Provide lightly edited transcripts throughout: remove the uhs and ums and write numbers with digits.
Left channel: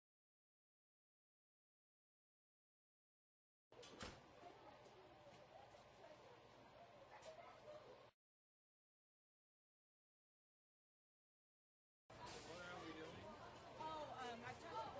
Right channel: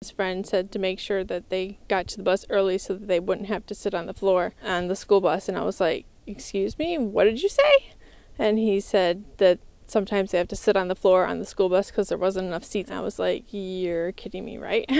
His friend said to make sure that they got to the bus early so that they wouldn't have to sit on the floor on the school bus. And I was like, excuse me, what did you say? And he said that sometimes they have to sit on the floor on the school bus because there wasn't enough seats. And I was like, you're kidding me, right?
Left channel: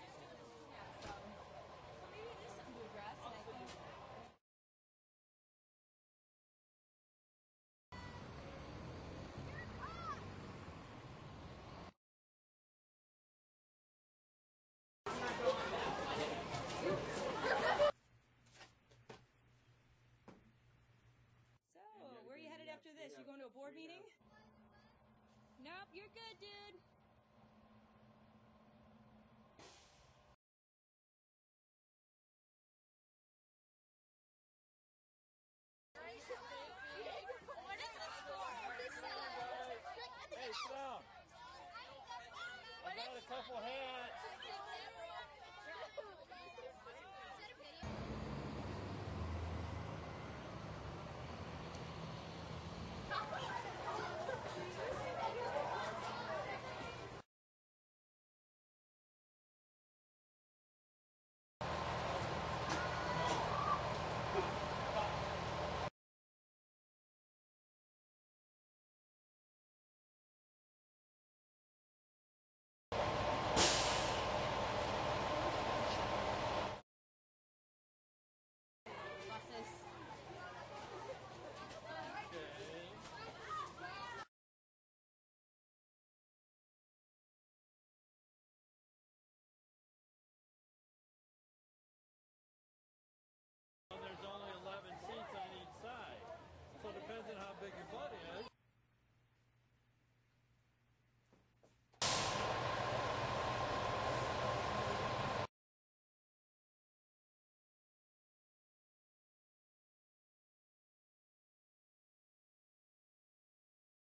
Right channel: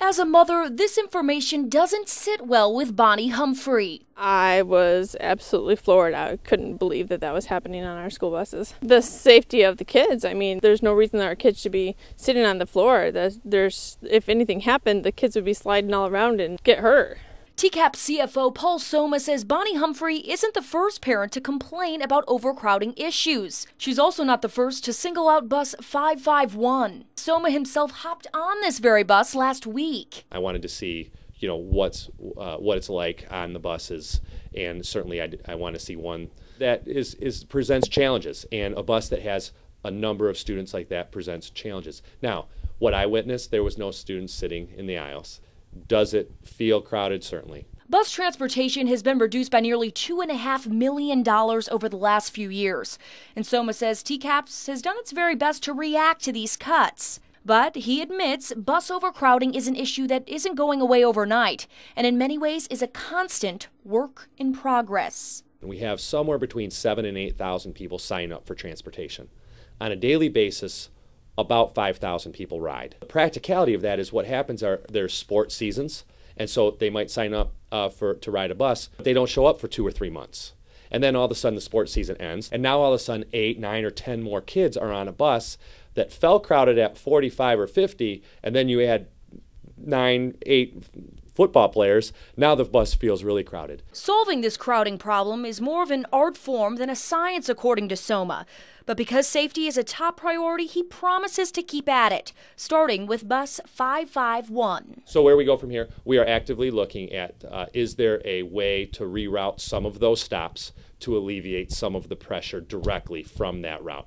As a mother, this information doesn't sit well with Bonnie Humphrey. I was absolutely floored. I couldn't believe that that was happening on our school buses. The safety of the kids, I mean, there's no reason that our kids should be sitting on the floor. If anything happened, the kids would be sliding all around and get hurt. TCAP CFO Paul Soma says Bonnie Humphrey isn't the first parent to complain about overcrowding issues. She's also not the first to single out bus 551. Soma himself hopped on this very bus last week. I wanted to see, what it's like on the buses, and certainly I want to see one that presents challenges, and a bus that has a number of students like that presents challenges. Now, what I witnessed, there was no students sitting in the aisles. Does it feel crowded? Certainly. Bus transportation has been reduced by nearly $2.5 million over the last few years. And Soma says TCAPS has done its very best to react to these cuts. But he admits bus overcrowding is an issue that isn't going away overnight, and in many ways is a constant work in progress. We have somewhere between 7,000 and 8,000 people sign up for transportation. On a daily basis, about 5,000 people ride. The practicality of that is what happens are there's sports seasons, and so they might sign up to ride a bus. They don't show up for 2 or 3 months. And then all of a sudden the sports season ends, and now all of a sudden 8, 9, or 10 more kids are on a bus that felt crowded at 45 or 50, and then you add 9, 8 football players, now the bus feels really crowded. Solving this crowding problem is more of an art form than a science, according to Soma. But because safety is a top priority, he promises to keep at it, starting with bus 551. So where we go from here, we are actively looking at is there a way to reroute some of those stops to alleviate some of the pressure directly from that route.